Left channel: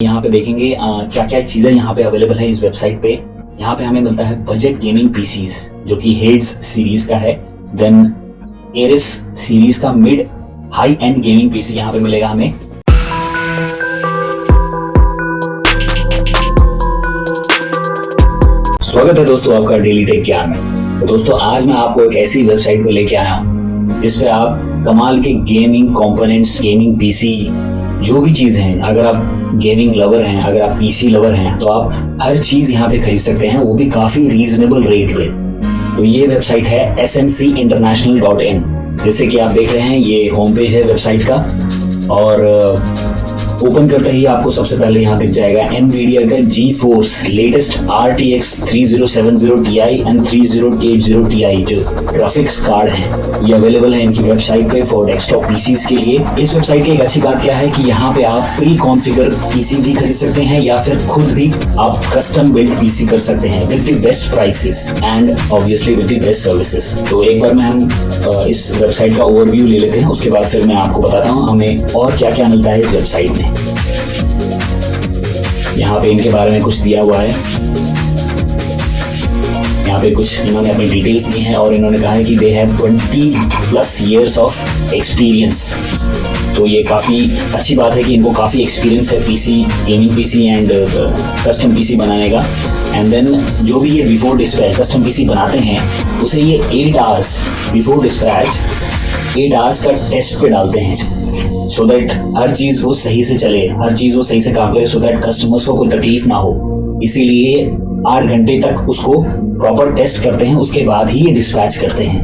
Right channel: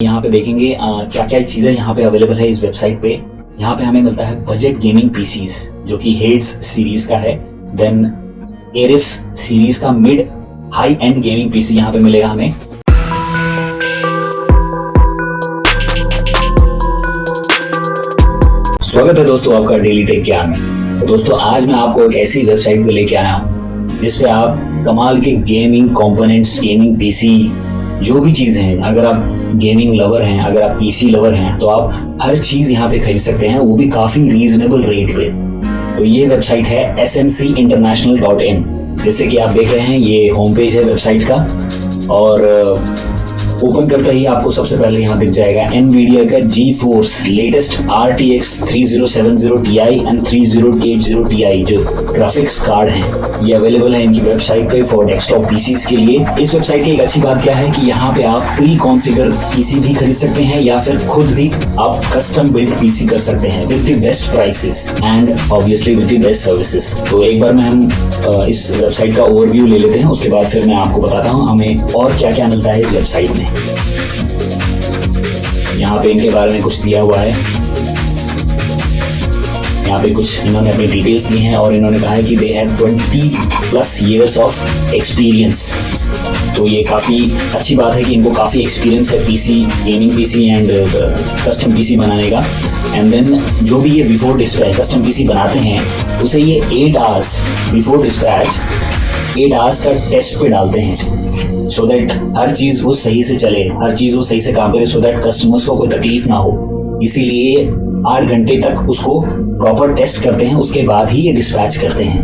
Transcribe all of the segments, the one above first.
यहाँ पे देखेंगे क्या क्या चीजें यहाँ पे अवेलेबल है इस वेबसाइट पे। यहाँ पे हमें मिलता है बजट गेमिंग पीसीज जो कि हेड्स सीरीज का है, देन एरिस सीरीज का mid high end gaming PC यहाँ पे मिलेगा हमें। स्वागत है दोस्तों आपका डेली टेक ज्ञान में। तो दोस्तों आज मैं आपको एक ऐसी वेबसाइट पे लेके आया हूँ जिसपे आप कमाल के गेमिंग कंपोनेंट्स, गेमिंग पीसी, जो भी चीजें हैं, अगर आप गेमिंग लवर हैं, अगर आप पीसी लवर हैं, तो आप हर चीज यहाँ पे खरीद सकते हैं, वो भी काफी रीजनेबल रेट पे। तो ये वेबसाइट है smcinternational.in। जैसे कि आप देख रहे हैं ये होम पेज है वेबसाइट का, और ओपन करते ही आपको सबसे पहले यहाँ दिख जाएगा एनवीडिया का GeForce latest RTX 3070 Ti and 3080 Ti जो ग्राफिक्स कार्ड हैं, ये अवेलेबल है इनकी वेबसाइट पे फॉर डेस्कटॉप पीसीज के लिए। इस वेबसाइट की एक अच्छी बात क्या है कि यहाँ पे आप प्री कॉन्फ़िगर पीसी भी खरीद सकते हैं या फिर खुद भी आप कस्टम बिल्ड पीसी कर सकते हैं with the best prices and obviously with the best services. तो एक बार में हम इस वेबसाइट का ओवरव्यू ले लेते हैं, उसके बाद फिर मैं आपको बताता हूँ हमें और क्या क्या मिलता है इस वेबसाइट में। यहाँ पे इनके बारे में कुछ दिया हुआ है, यहाँ पे कुछ इन्होंने अपनी डिटेल्स दी हैं और इन्होंने कहा है कि they have 20+ years of experience. तो ये काफ़ी अच्छी बात है कि इनको काफ़ी एक्सपीरियंस है PC, gaming PC and custom PC बनाने का। एंड देन जो भी ये बिफोर डिस्पैच कस्टम पीसी बनाते हैं उसे ये 8 hours बिफोर डिस्पैच 8 hours का टेस्ट पे डालते हैं, सो दैट हर चीज वो सही से चले, हर चीज वो सही से काम करे, सो दैट कस्टमर्स को कोई तकलीफ ना हो। इसीलिए 8 घंटे तक उसको प्रॉपर टेस्ट करते हैं, उसके बाद ही ये डिस्पैच करते हैं।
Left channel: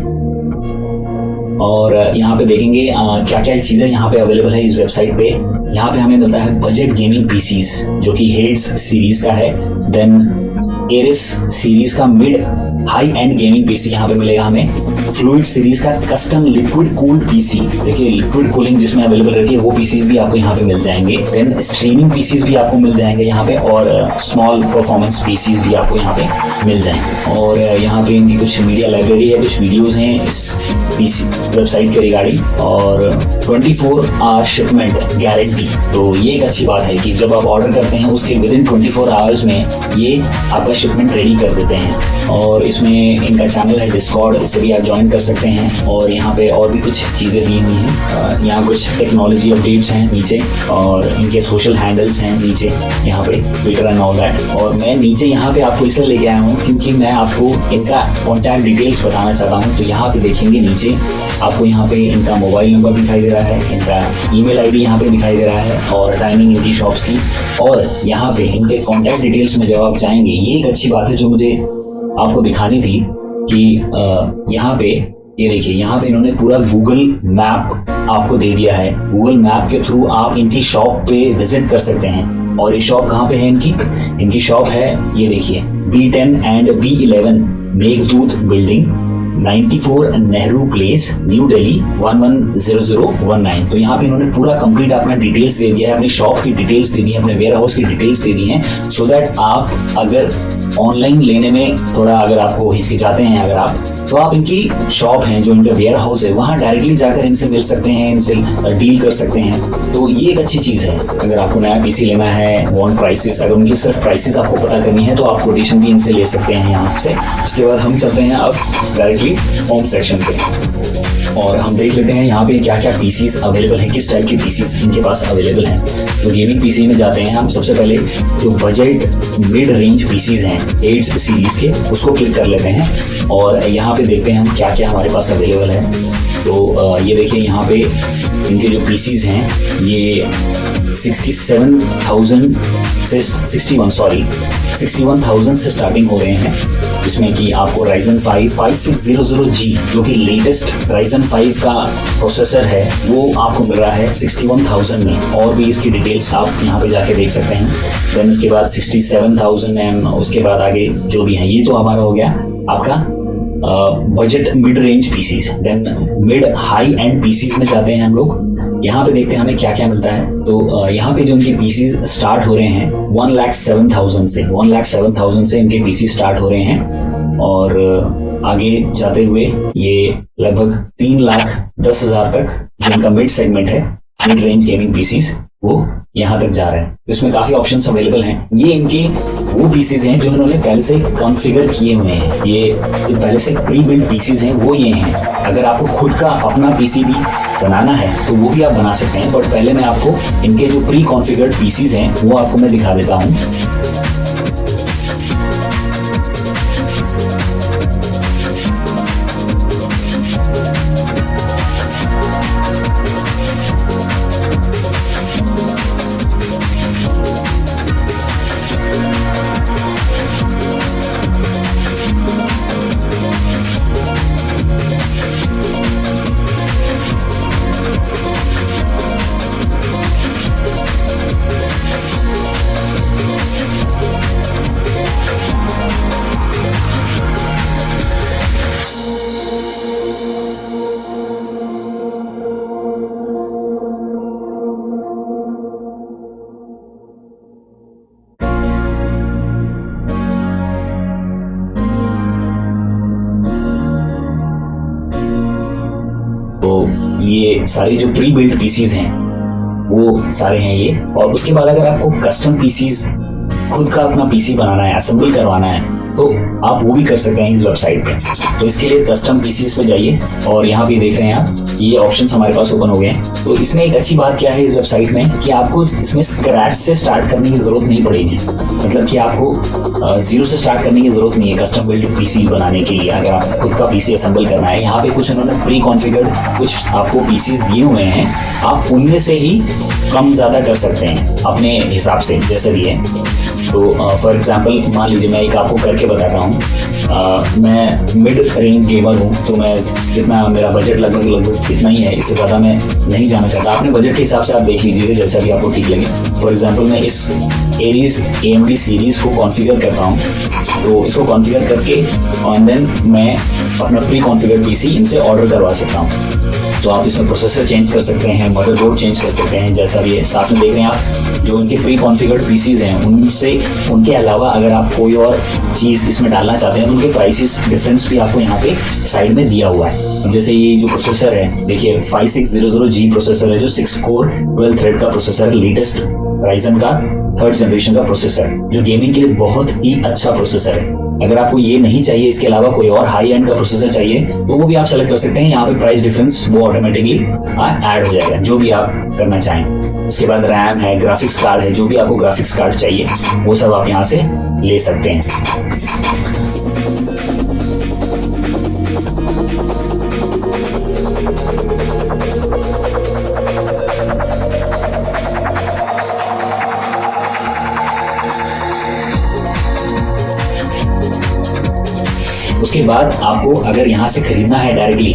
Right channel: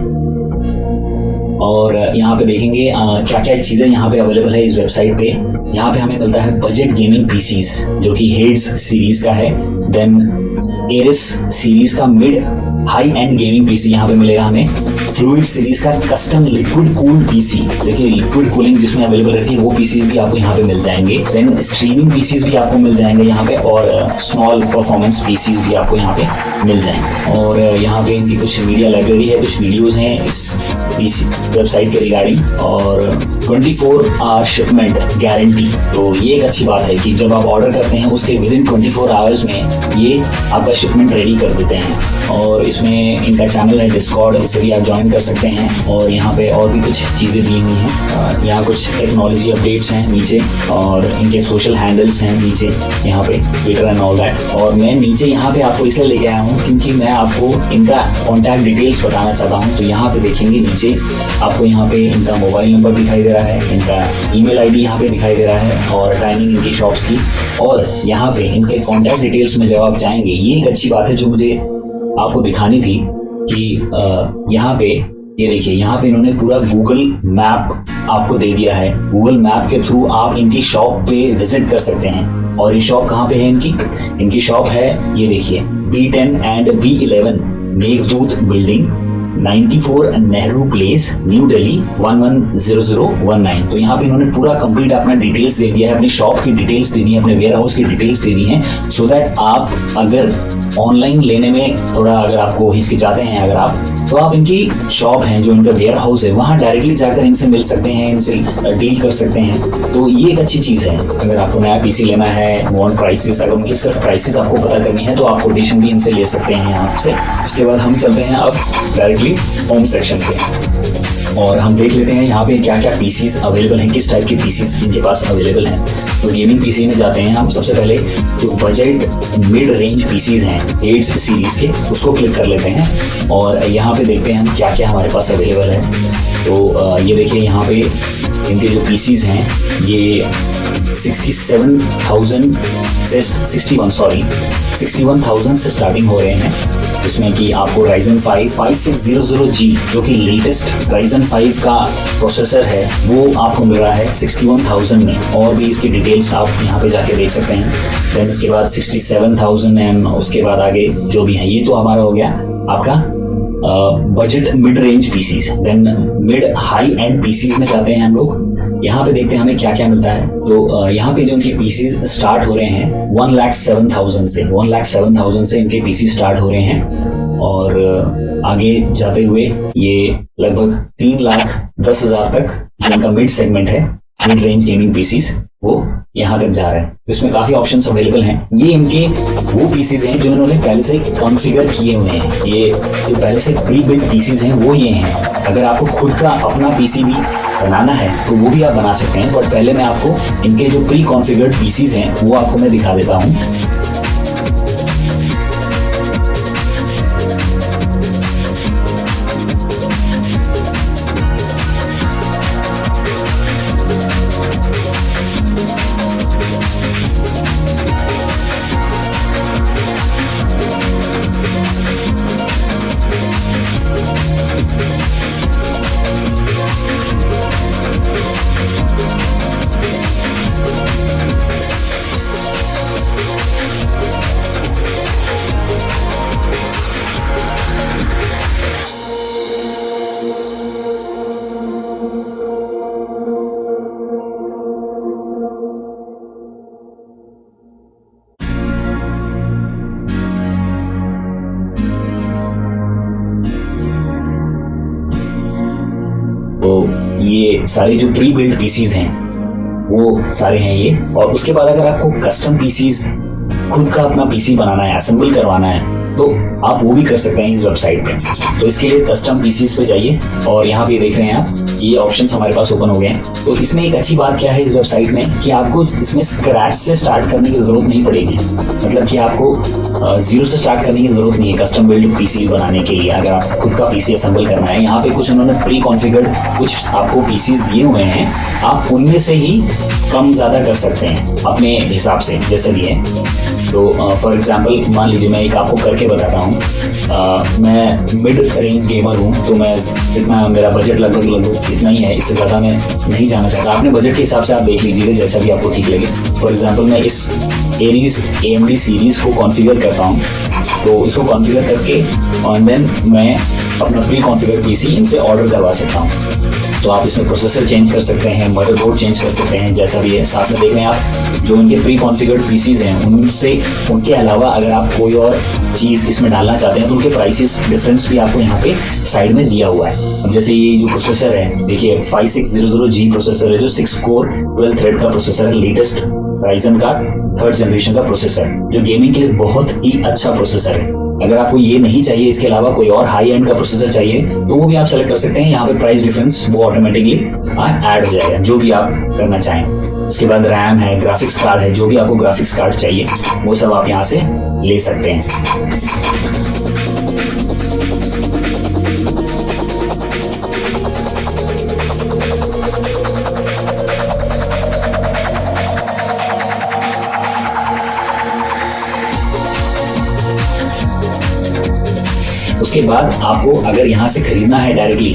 और यहाँ पे देखेंगे क्या क्या चीजें यहाँ पे अवेलेबल है इस वेबसाइट पे। यहाँ पे हमें मिलता है बजट गेमिंग पीसीज जो कि हेड्स सीरीज का है, देन एरिस सीरीज का mid high end gaming PC यहाँ पे मिलेगा हमें। फ्लूइड सीरीज का कस्टम लिक्विड कूल्ड पीसी, देखिए लिक्विड कूलिंग जिसमें अवेलेबल रहती है वो पीसीज भी आपको यहाँ पे मिल जाएंगे। देन स्ट्रीमिंग पीसीज भी आपको मिल जाएंगे यहाँ पे, और स्मॉल परफॉर्मेंस पीसीज भी आपको यहाँ पे मिल जाएंगे। और यहाँ पे इनकी कुछ मीडिया लाइब्रेरी है, कुछ वीडियोज हैं इस पीसी वेबसाइट के रिगार्डिंग, और 24 आवर शिपमेंट गारंटी। तो ये एक अच्छी बात है कि जब आप ऑर्डर करते हैं उसके विदिन 24 आवर्स में ये आपका शिपमेंट रेडी कर देते हैं। और इसमें इनका चैनल है डिस्कॉर्ड, इसे भी आप ज्वाइन कर सकते हैं। और यहाँ पे और भी कुछ चीज़ें दी हुई हैं, यहाँ कुछ टेक्नोलॉजी अपडेट्स हैं नीचे, और इनके सोशल हैंडल्स हैं नीचे यहाँ पे, ट्विटर एंड ऑल दैट। और मैं नीचे यहाँ पे आपको इसलिए लेके आया हूँ क्योंकि मैं आपको इनका कॉन्टैक्ट डिटेल्स बताना चाहता हूँ। तो यहाँ पे देखेंगे नीचे आपको यहाँ पे इनका मोबाइल नंबर दिखाई दे रहा है, इनका ईमेल आईडी यहाँ पे दिखाई दे रहा है, और टाइमिंग इनकी शॉप्स की। और यहाँ पे इनके कॉन्टैक्ट डिटेल्स में जब आप जाएंगे, ये एक अच्छी बात है जो मुझे आपको दिखानी थी कि यहाँ पे ये देखिए, यहाँ पे इन्होंने पूरा गूगल मैप आपको दे दिया है। गूगल मैप के थ्रू आप इनकी शॉप पे विजिट कर सकते हैं। और ये शॉप कहाँ पे है इनकी शॉप है, ये देखिए B10 and B11 Meghdoot building, 94 Nehru place, new Delhi 110019। तो यहाँ पे इन्होंने पूरा कंप्लीट अपना डिटेल्स दे दिया है, अपनी शॉप की डिटेल्स दे दी है, अपने वेयर हाउस की डिटेल्स दे दी है, सो दैट आप अगर ऑनलाइन लेने में थोड़ा अगर आपको हिचकिचाते हैं अगर आप, तो आप इनकी शॉप है जो इनका वेयर हाउस है वहाँ डायरेक्टली जाकर इनसे मिल सकते हैं, इनसे डील कर सकते हैं। तो ये एक अच्छी चीज़ है। अगर आपको नया पीसी लेना है, वांट प्राइसेस, अगर उनकी सिर्फ प्राइसेस आपको पता करनी है तो आप कोटेशन भी इनसे ले सकते हैं यहाँ से। उसके बाद हम चलते हैं अब डायरेक्टली होम सेक्शन पे, और हम देख लेते हैं यहाँ पे क्या क्या पीसीज अवेलेबल हैं, किस टाइप के पीसीज इनके पास अवेलेबल हैं। तो गेमिंग पीसी में जाते हैं हम। सबसे पहले जो बजट मिड रेंज पीसीज हैं एड्स सीरीज के, उसको क्लिक कर लेते हैं, और यहाँ पे देखते हैं हम क्या क्या हमारे पास अवेलेबल है। तो ये देखिए यहाँ पे इनके जो पीसीज हैं ये 61,000 से स्टार्टिंग हो रहे हैं, जिसमें कि आपको Ryzen 5 5600G जो कि लेटेस्ट Ryzen 5 का प्रोसेसर है वो आपको मिल रहा है 61,000 में। और भी इसकी डिटेल्स आप यहाँ पे जाके देख सकते हैं। देन उसके बाद 67,000 एंड उसके बाद आगे जो भी है, ये तो हमारा हो गया आपका budget mid range PCs. Then mid high end PCs में जाते हैं हम लोग, यहाँ पे देखते हैं हमें क्या क्या मिलता है। तो यहाँ पे जो इनके पीसीज स्टार्ट हो रहे हैं 1,07,000 से, 1,07,000 से इनके पीसी स्टार्ट हो रहे हैं, और आगे जाते हुए ये लगभग 3,10,000 तक जो इनका मिड सेगमेंट है, मिड रेंज गेमिंग पीसीज, वो यहाँ तक जा रहा है। तो इसमें काफी ऑप्शंस अवेलेबल हैं। ये इनके वो पीसीज हैं जो इन्होंने पहले से कॉन्फ़िगर किए हुए हैं। ये जो पहले से प्री बिल्ट पीसीज हैं वो ये हैं। अगर आपको खुद का अपना पीसी भी बनाना है तो वो भी आप बना सकते हैं, बट पहले मैं आपको इनके जो प्री कॉन्फ़िगर्ड पीसीज हैं वो आपको मैं दिखा देता हूँ। तो ये सारे जो प्री बिल्ड पीसीज हैं वो सारे हैं ये। और उसके बाद अगर आपको कस्टम पीसीज खुद का अपना पीसी बनाना है, असेंबल करवाना है, तो आप वो भी कर सकते हैं इस वेबसाइट पे। तो इसके लिए कस्टम पीसीज पे जाइए और यहाँ पे देख रहे हैं आप ये ऑप्शंस हमारे पास ओपन हो गए हैं। तो इसमें एक अच्छी बात क्या है इस वेबसाइट में कि आपको इसमें स्क्रैच से स्टार्ट करने की जरूरत नहीं पड़ेगी। मतलब कि आपको जीरो से स्टार्ट करने की जरूरत नहीं है कस्टम बिल्ड पीसी बनाने के लिए। अगर आप खुद का पीसी असेंबल करना है, यहाँ पे कुछ उन्होंने प्री कॉन्फ़िगर्ड कुछ आपको पीसीज दिए हुए हैं, आप उनमें से ही कम ज्यादा कर सकते हैं अपने हिसाब से जैसे भी है। तो फॉर एग्जांपल मान लीजिए मैं एक आपको करके बताता हूँ। मैं मिड रेंज गेमर हूँ, तो मैं इतना मेरा बजट लगभग इतना ही है, इससे ज़्यादा मैं नहीं जाना चाहता। अपने बजट के हिसाब से आप देख लीजिए जैसा भी आपको ठीक लगे। फॉर एग्जांपल मैं इस एरीज AMD सीरीज को कॉन्फ़िगर करता हूँ, तो इसको कॉन्फ़िगर करके और देन मैं अपना प्री कॉन्फ़िगर पीसी इनसे ऑर्डर करवा सकता हूँ। तो आप इसमें प्रोसेसर चेंज कर सकते हैं, मदरबोर्ड चेंज कर सकते हैं, जैसा भी है। साथ में देख रहे हैं आप जो इनके प्री कॉन्फ़िगर्ड पीसीज हैं उनके अलावा अगर आप कोई और चीज़ इसमें डालना चाहते हैं तो उनके प्राइसेस डिफरेंस भी आपको यहाँ पे साइड में दिया हुआ है। अब जैसे ये जो प्रोसेसर है देखिए 5600G प्रोसेसर है, जो 6 कोर 12 थ्रेड का प्रोसेसर है, लेटेस्ट राइजन का 3rd जनरेशन का प्रोसेसर, जो गेमिंग के लिए बहुत ही अच्छा प्रोसेसर है। अगर आपको ये नहीं चाहिए, इसके अलावा कोई और हाई एंड का प्रोसेसर चाहिए, तो वो भी आप सेलेक्ट कर सकते हैं। यहाँ पे प्राइस डिफरेंस वो ऑटोमेटिकली ऐड हो जाएगा, जो भी आप करना चाहें। उसके बाद रैम है, ग्राफिक्स कार्ड है, जो भी आपको ग्राफिक्स कार्ड चाहिए वो सब आप यहाँ से ले सकते हैं। उसके बाद आपको अगर यहाँ से खरीदना है डायरेक्टली,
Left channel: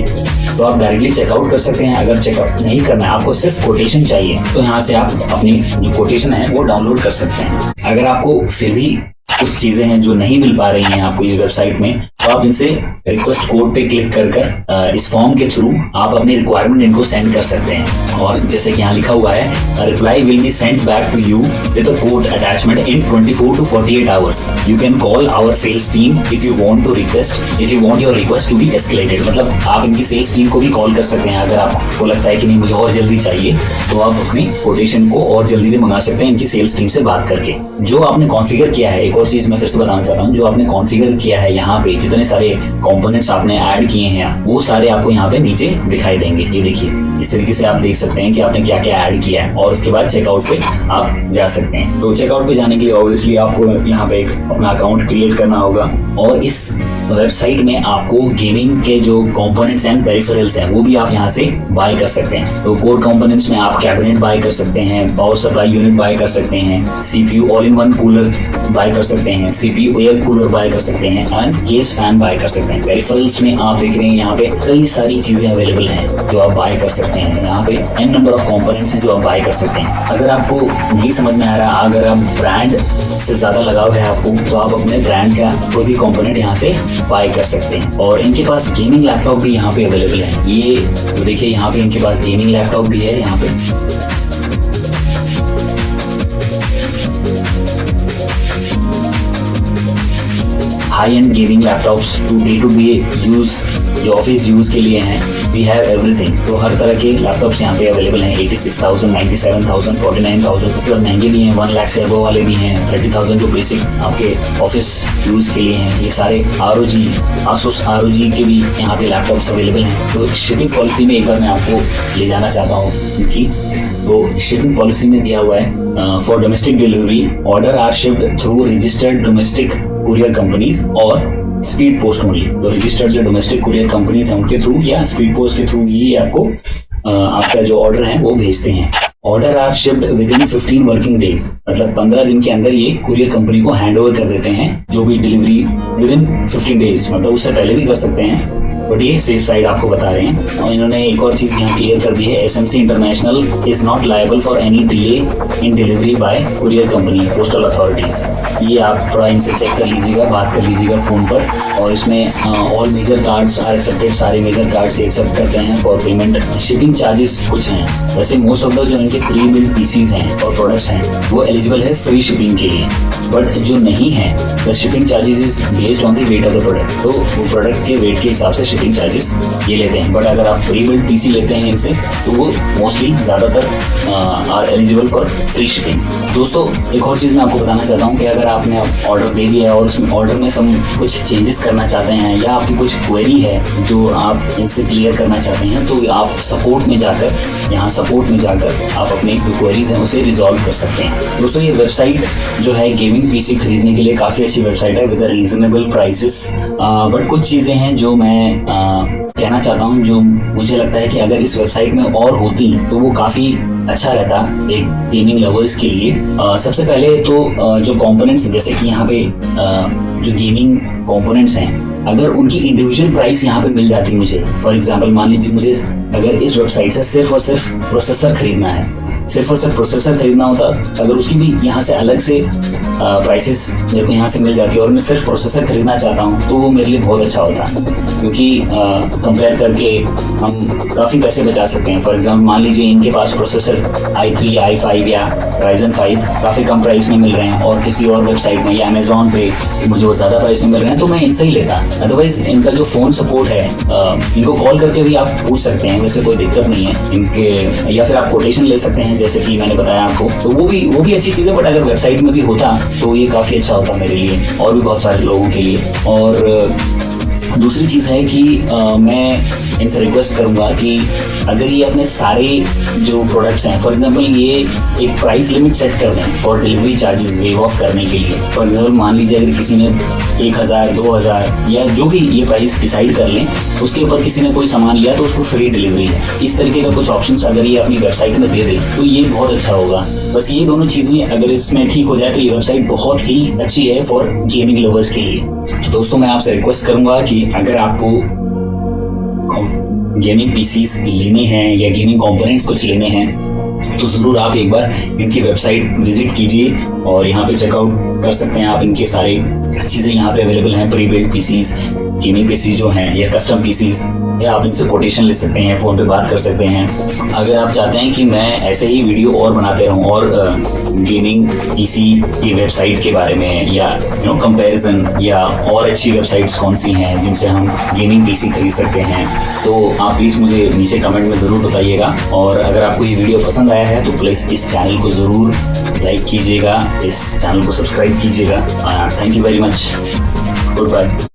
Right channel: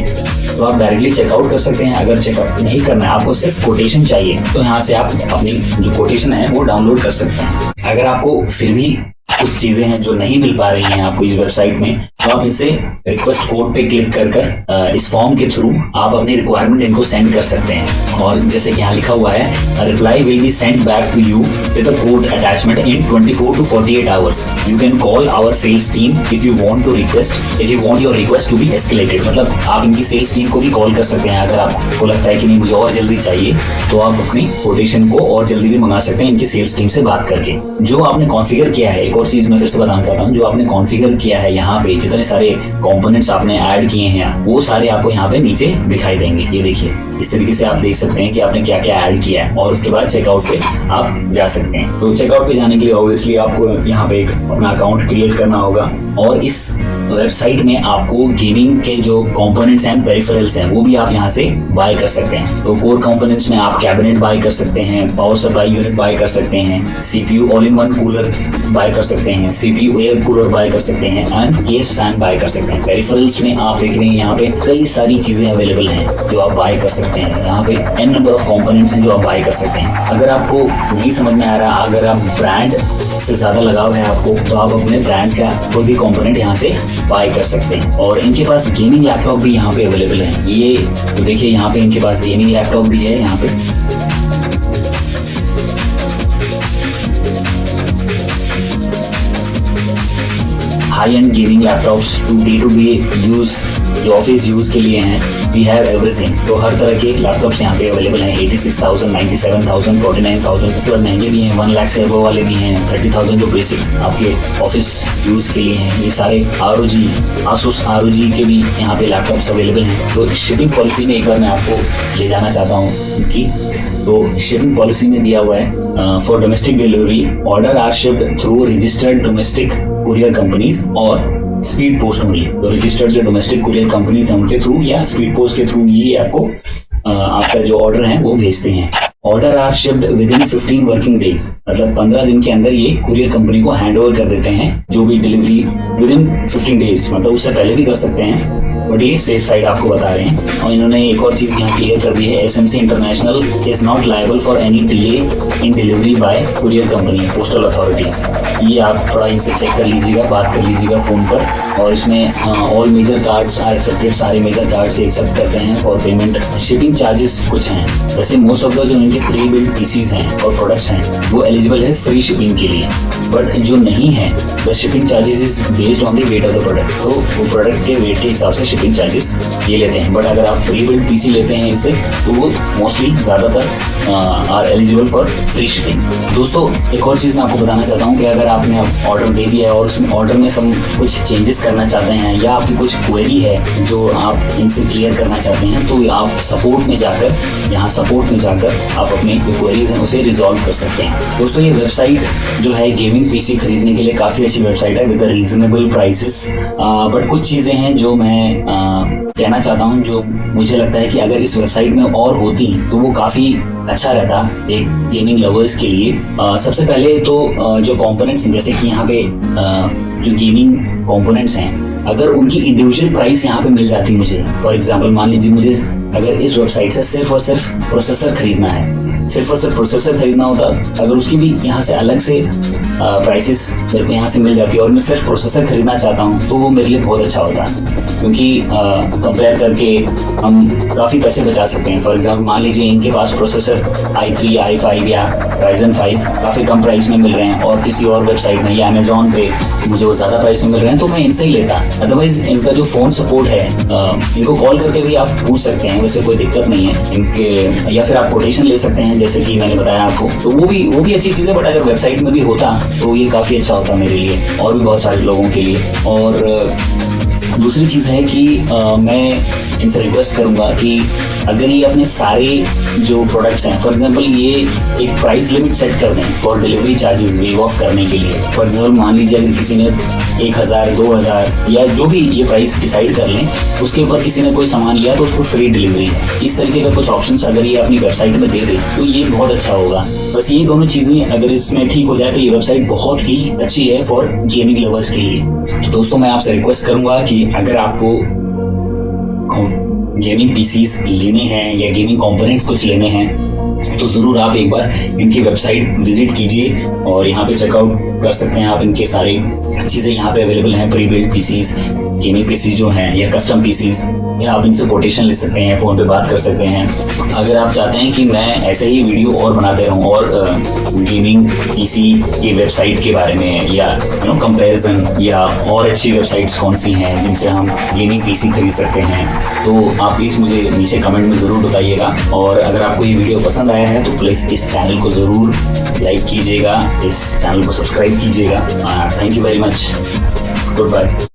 तो आप डायरेक्टली चेकआउट कर सकते हैं। अगर चेकआउट नहीं करना है, आपको सिर्फ कोटेशन चाहिए, तो यहाँ से आप अपनी जो कोटेशन है वो डाउनलोड कर सकते हैं। अगर आपको फिर भी कुछ चीजें हैं जो नहीं मिल पा रही हैं आपको इस वेबसाइट में, तो आप इनसे रिक्वेस्ट कोड पे क्लिक कर इस फॉर्म के थ्रू आप अपनी रिक्वायरमेंट इनको सेंड कर सकते हैं। और जैसे कि यहाँ लिखा हुआ है, reply will be sent back to you with a code attachment in 24 to 48 hours. You can call our sales team if you want your request to be escalated. मतलब आप इनकी सेल्स टीम को भी कॉल कर सकते हैं। अगर आपको लगता है कि नहीं मुझे और जल्दी चाहिए, तो आप अपनी कोटेशन को और जल्दी भी मंगा सकते हैं इनकी सेल्स टीम से बात करके। जो आपने कॉन्फ़िगर किया है, एक और चीज मैं फिर से बताना चाहता हूँ, जो आपने कॉन्फ़िगर किया है यहाँ पे जितने सारे कंपोनेंट्स आपने ऐड किए हैं वो सारे आपको यहाँ पे नीचे दिखाई देंगे। ये देखिए इस तरीके से आप देख सकते हैं कि आपने क्या क्या ऐड किया है, और उसके बाद चेकआउट पे आप जा सकते हैं। तो चेकआउट पे जाने के लिए ऑब्वियसली आपको यहाँ पे एक अपना अकाउंट क्रिएट करना होगा, और इस वेबसाइट में आपको गेमिंग के जो कंपोनेंट्स एंड पेरिफेरल्स हैं वो भी आप यहाँ से बाय कर सकते हैं। तो कोर कंपोनेंट्स में आप कैबिनेट बाय कर सकते हैं, पावर सप्लाई यूनिट बाय कर सकते हैं, CPU all in one cooler buy कर सकते हैं, CPU एयर कूलर बाय कर सकते हैं, एंड केस फैन बाय कर सकते हैं। पेरिफेरल्स में आप देख रहे हैं यहाँ पे कई सारी चीजें अवेलेबल हैं जो आप बाय कर सकते हैं। यहाँ पे n नंबर ऑफ कंपोनेंट्स हैं जो आप बाय कर सकते हैं। अगर आपको नहीं समझ में आ रहा, अगर आप ब्रांड से ज्यादा लगाव है आपको, तो आप अपने ब्रांड का कोई भी कंपोनेंट यहाँ से बाय कर सकते हैं। और इनके पास गेमिंग लैपटॉप भी यहाँ पे अवेलेबल है। ये तो देखिए यहाँ पे इनके पास गेमिंग लैपटॉप भी है। यहाँ पे high end gaming laptops to day use, जो ऑफिस यूज के लिए हैं, वी हैव एवरीथिंग। तो हर तरह के लैपटॉप्स यहाँ पे अवेलेबल हैं। 86,000, 97,000, 49,000, उसके बाद महंगे भी हैं, 1 लाख से अबव वाले भी हैं, 30,000 जो बेसिक आपके ऑफिस यूज के लिए हैं। ये सारे ROG, Asus ROG के भी यहाँ पे लैपटॉप्स अवेलेबल हैं। तो शिपिंग पॉलिसी में एक बार मैं आपको ले जाना चाहता हूँ उनकी। तो शिपिंग पॉलिसी में दिया हुआ है for domestic delivery order are shipped through registered domestic courier companies or speed post only. तो रजिस्टर्ड जो डोमेस्टिक कुरियर कंपनीज हैं उनके थ्रू या स्पीड पोस्ट के थ्रू ये आपको आपका जो ऑर्डर है वो भेजते हैं। Order are shipped within 15 working days, मतलब 15 दिन के अंदर ये कुरियर कंपनी को हैंड ओवर कर देते हैं जो भी डिलीवरी विद इन 15 डेज, मतलब उससे पहले भी कर सकते हैं, बट ये सेफ साइड आपको बता रहे हैं। और इन्होंने एक और चीज यहाँ क्लियर कर दी है, SMC international is not liable for any delay in delivery bye courier company postal authorities. ये आप थोड़ा इनसे चेक कर लीजिएगा, बात कर लीजिएगा फोन पर। और इसमें all major cards are accepted, सारे मेजर कार्ड्स एक्सेप्ट करते हैं फॉर पेमेंट। शिपिंग चार्जेस कुछ हैं, वैसे मोस्ट ऑफ द जो इनके प्री बिल्ड पीसीज हैं और प्रोडक्ट्स हैं वो एलिजिबल है फ्री शिपिंग के लिए, बट जो नहीं है the shipping charges is based on the weight of the product. तो वो प्रोडक्ट के वेट के हिसाब से शिपिंग चार्जेस ये लेते हैं। बट अगर आप प्री बिल्ड पीसी लेते हैं इनसे तो वो मोस्टली ज़्यादातर are eligible for free shipping. दोस्तों एक और चीज़ मैं आपको बताना चाहता हूँ कि अगर आपने ऑर्डर दे दिया है और उसमें ऑर्डर में सब कुछ चेंजेस करना चाहते हैं या आपकी कुछ क्वेरी है जो आप इनसे क्लियर करना चाहते हैं, तो आप सपोर्ट में जाकर, यहाँ सपोर्ट में जाकर आप अपनी जो क्वेरीज हैं उसे रिजॉल्व कर सकते हैं। दोस्तों ये वेबसाइट जो है गेमिंग पीसी खरीदने के लिए काफ़ी अच्छी वेबसाइट है विद रीजनेबल प्राइसेस। बट कुछ चीज़ें हैं जो मैं कहना चाहता हूँ, जो मुझे लगता है कि अगर इस वेबसाइट में और होती तो वो काफ़ी अच्छा रहता एक गेमिंग लवर्स के लिए। सबसे पहले तो जो कंपोनेंट्स जैसे कि यहाँ पे जो गेमिंग कंपोनेंट्स हैं, अगर उनकी इंडिविजुअल प्राइस यहाँ पे मिल जाती मुझे, फॉर एग्जांपल मान लीजिए मुझे अगर इस वेबसाइट से सिर्फ और सिर्फ प्रोसेसर खरीदना है, सिर्फ और सिर्फ प्रोसेसर खरीदना होता, अगर उसकी भी यहाँ से अलग से प्राइसेस मेरे को यहाँ से मिल जाती और मैं सिर्फ प्रोसेसर खरीदना चाहता हूँ तो वो मेरे लिए बहुत अच्छा होता, क्योंकि कंपेयर करके हम काफ़ी पैसे बचा सकते हैं। फॉर एग्जांपल मान लीजिए इनके पास प्रोसेसर i3, i5 या Ryzen 5 काफ़ी कम प्राइस में मिल रहे हैं और किसी और वेबसाइट में या अमेजोन पे मुझे वो ज़्यादा प्राइस में मिल रहे हैं तो मैं इनसे ही लेता। अदरवाइज इनका जो फ़ोन सपोर्ट है इनको कॉल करके भी आप पूछ सकते हैं, वैसे कोई दिक्कत नहीं है इनके, या फिर आप कोटेशन ले सकते हैं जैसे कि मैंने बताया आपको, तो वो भी अच्छी चीज़ है। बट अगर वेबसाइट में भी होता तो ये काफ़ी अच्छा होता मेरे लिए और भी बहुत सारे लोगों के लिए। और दूसरी चीज़ है कि मैं इनसे रिक्वेस्ट करूंगा कि अगर ये अपने सारे जो प्रोडक्ट्स हैं, फॉर एग्जांपल ये एक प्राइस लिमिट सेट कर दें for delivery charges wave of करने के लिए। फॉर एग्जांपल मान लीजिए अगर किसी ने 1,000, 2,000 या जो भी ये प्राइस डिसाइड कर लें, उसके ऊपर किसी ने कोई सामान लिया तो उसको फ्री डिलीवरी है। इस तरीके का कुछ ऑप्शंस अगर ये अपनी वेबसाइट में दे दे तो ये बहुत अच्छा होगा। बस ये दोनों चीज़ें अगर इसमें ठीक हो जाए तो ये वेबसाइट बहुत ही अच्छी है फॉर गेमिंग लवर्स के लिए। तो दोस्तों मैं आपसे रिक्वेस्ट करूंगा कि अगर आपको गेमिंग पीसीस लेने हैं या गेमिंग कंपोनेंट्स कुछ लेने हैं तो ज़रूर आप एक बार इनकी वेबसाइट विजिट कीजिए और यहाँ पे चेकआउट कर सकते हैं आप। इनके सारी चीज़ें यहाँ पे अवेलेबल हैं, pre build PCs, gaming PC जो हैं या कस्टम पीसीस, या आप इनसे कोटेशन ले सकते हैं, फ़ोन पे बात कर सकते हैं। अगर आप चाहते हैं कि मैं ऐसे ही वीडियो और बनाते रहूं और गेमिंग पीसी की वेबसाइट के बारे में या कंपैरिजन या और अच्छी वेबसाइट्स कौन सी हैं जिनसे हम गेमिंग पीसी खरीद सकते हैं, तो आप प्लीज़ मुझे नीचे कमेंट में ज़रूर बताइएगा। और अगर आपको ये वीडियो पसंद आया है तो प्लीज़ इस चैनल को ज़रूर लाइक कीजिएगा, इस चैनल को सब्सक्राइब कीजिएगा। Thank you very much, good bye.